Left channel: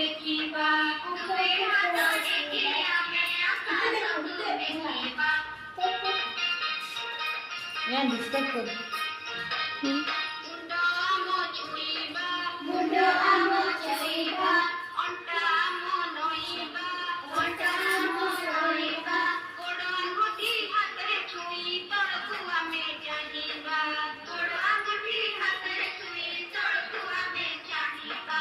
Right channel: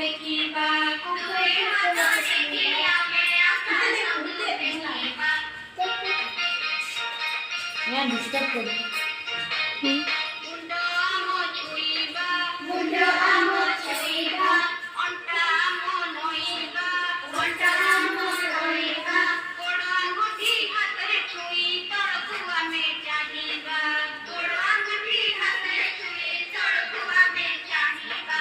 ଦେଖିବା କୁକୁରେ ହାତ ଟେକି ଆମେ ଆକାଶକୁ ଦେଖିବା यहाँ डिस्टर्ब कर ମୁଣ୍ଡ ଆମ ଛୁଇଁବା ମୁଣ୍ଡ ଆମ ଛୁଇଁବା ଅଣ୍ଟା ଆମ ନଇଁବା ଅଣ୍ଟା ଆମ ନଇଁବା ଗୋଡ଼ ଆଙ୍ଗୁଠି ହାତରେ ଛୁଇଁ ତଳକୁ ଆମେ ଚାହିଁବା ଗୋଡ଼ ଆଙ୍ଗୁଠି ହାତରେ ଛୁଇଁ ତଳକୁ ଆମେ ଚାହିଁବା